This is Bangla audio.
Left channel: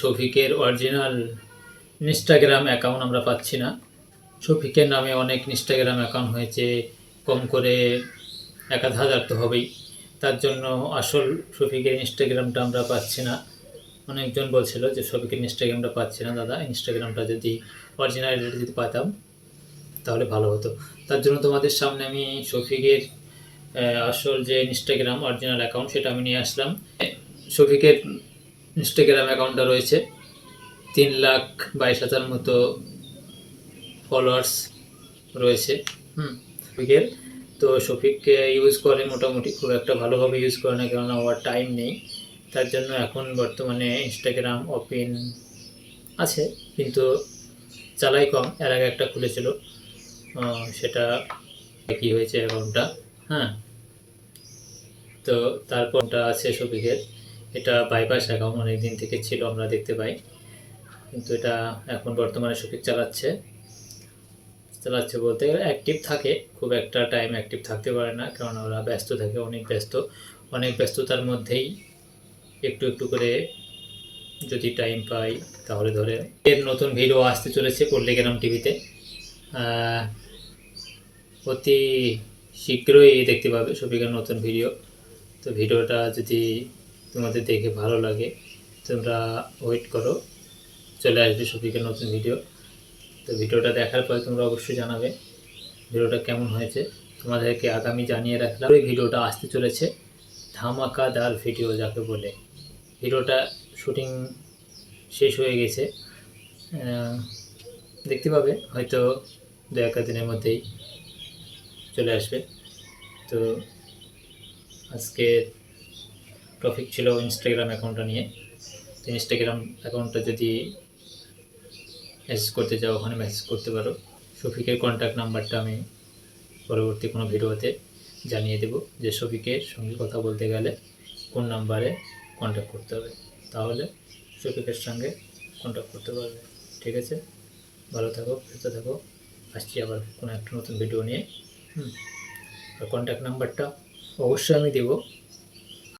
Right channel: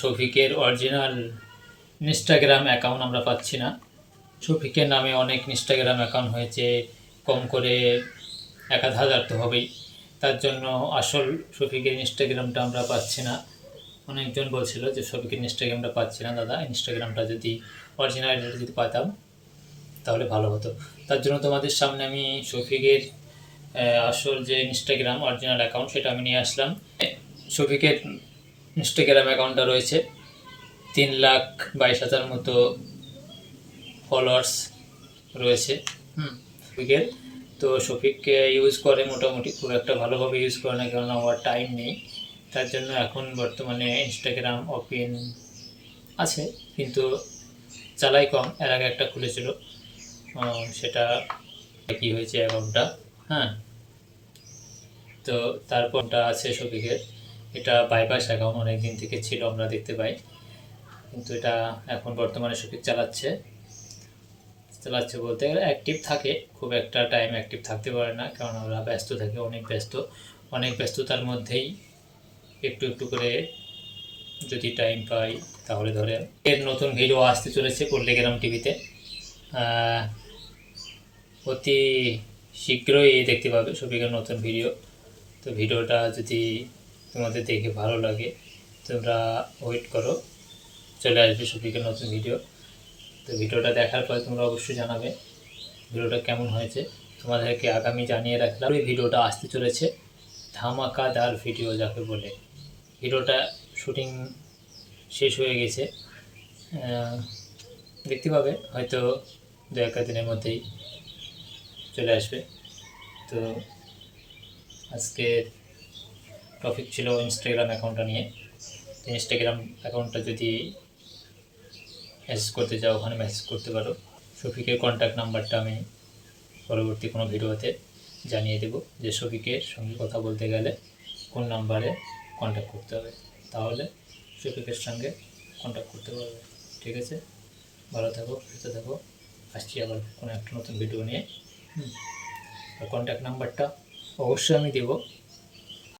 শফিকের অরিজিনাল ইনস্টাগ্রাম অ্যাকাউন্ট আমরা পাচ্ছি না। শফিকের নামে অনেক ইনস্টাগ্রাম অ্যাকাউন্ট হয়েছে, কম করে এক আধ হাজার তো হবেই। তার জন্য আসল শফিকের ইনস্টাগ্রামটা আমরা পাচ্ছি না। অনেকজন বলছিল যে শফিকের ইনস্টাগ্রামটা পাচ্ছি না, দাদা। ইনস্টাগ্রামটা যদি অরিজিনাল যদি পাতাম, তাহলে ভালো হতো। তার জন্য তোমাদের সামনে আমি শফিকের আসল যে ইনস্টাগ্রাম অরিজিনাল অ্যাকাউন্ট সেটা আমি নিয়ে আসলাম। শফিকের ইনস্টাগ্রাম অ্যাকাউন্টটা রয়েছে। তিন লাখ বাইশ হাজার মতো ফলোয়ার্স রয়েছে। হুম শফিকের তো শফিককে ইউজ করে মোটামুটি, খুব একটা ভালোভাবে ইউজ করে না, কেননা আমার টাইম নেই। তার জন্য এখন বর্তমানে ইনস্টাগ্রাম ওপেন আছে, কিন্তু চালাই কম। এর আগে একটা খুলেছিল। সেটা কি হয়েছে অ্যাকাউন্টটা হ্যাঁ। তো তারপরটা আছে শফিকের। এটা বাইপাস অ্যাকাউন্ট অনেক দিন থেকে ছিল, আমরা দেখতে পাই। কিন্তু এটা এখন বর্তমানে শফিক চালাচ্ছে। চালাচ্ছে বলতে অ্যাক্টিভ থাকে, খুব একটা টাইম অ্যাক্টিভ থাকতে পারে না, কারণ ওরা ব্যস্ত থাকে, অনেক ব্যস্ত। অনেক ব্যস্ততার মধ্যেই একটু একটু করে যদি টাইম পাই, তাহলে ধরে এর নতুন ভিডিও আসতে চলেছে পল্লিগ্রাম টিভিতে অতি শীঘ্রই দেখতে পাবে শফিকের নতুন ভিডিও তো ভিডিওটা যদি তোমাদের দেখে ভালো লাগে, তোমরা ওয়েট করো। চলে আসবে শফিকের নতুন ভিডিও তো ভিডিওটা দেখার পরে তোমরা অবশ্যই জানাবে ভিডিওটা কেমন হয়েছে। তোমাদেরকে আগামী জানিয়ে রাখলাম ওই ভিডিওটা আসতে চলেছে ধামাকাদার ভিডিও যাকে বলে। ভিডিওটা শুটিং শেষ হয়ে গেছে। দেখতে পাবে, হয়তো দু এক দিনের মধ্যেই চলে আসবে। তো আজকে টপিক ছিল ইনস্টাগ্রাম অ্যাকাউন্টটা নিয়ে। ইনস্টাগ্রাম অ্যাকাউন্টটা যদি মেসেজ করতে চাও ওখানে মেসেজ করতে পারো। শফিকের কন্ট্যাক্ট নাম্বারটা আমি পরবর্তী কোনো ভিডিওতে জানিয়ে দেব যে শফিকের সঙ্গে কথা বলতে গেলে কোন নাম্বারে কন্ট্যাক্ট করতে হবে। তাহলে শফিকের সঙ্গে কন্ট্যাক্ট করতে পারবে। ঠিক আছে? ভালো থাকো সুস্থ থাকো। আসছি আবার কোনো একটা নতুন ভিডিও নিয়ে। হুম। আর কন্ট্যাক্ট নাম্বারটা অবশ্যই আমি দেবো।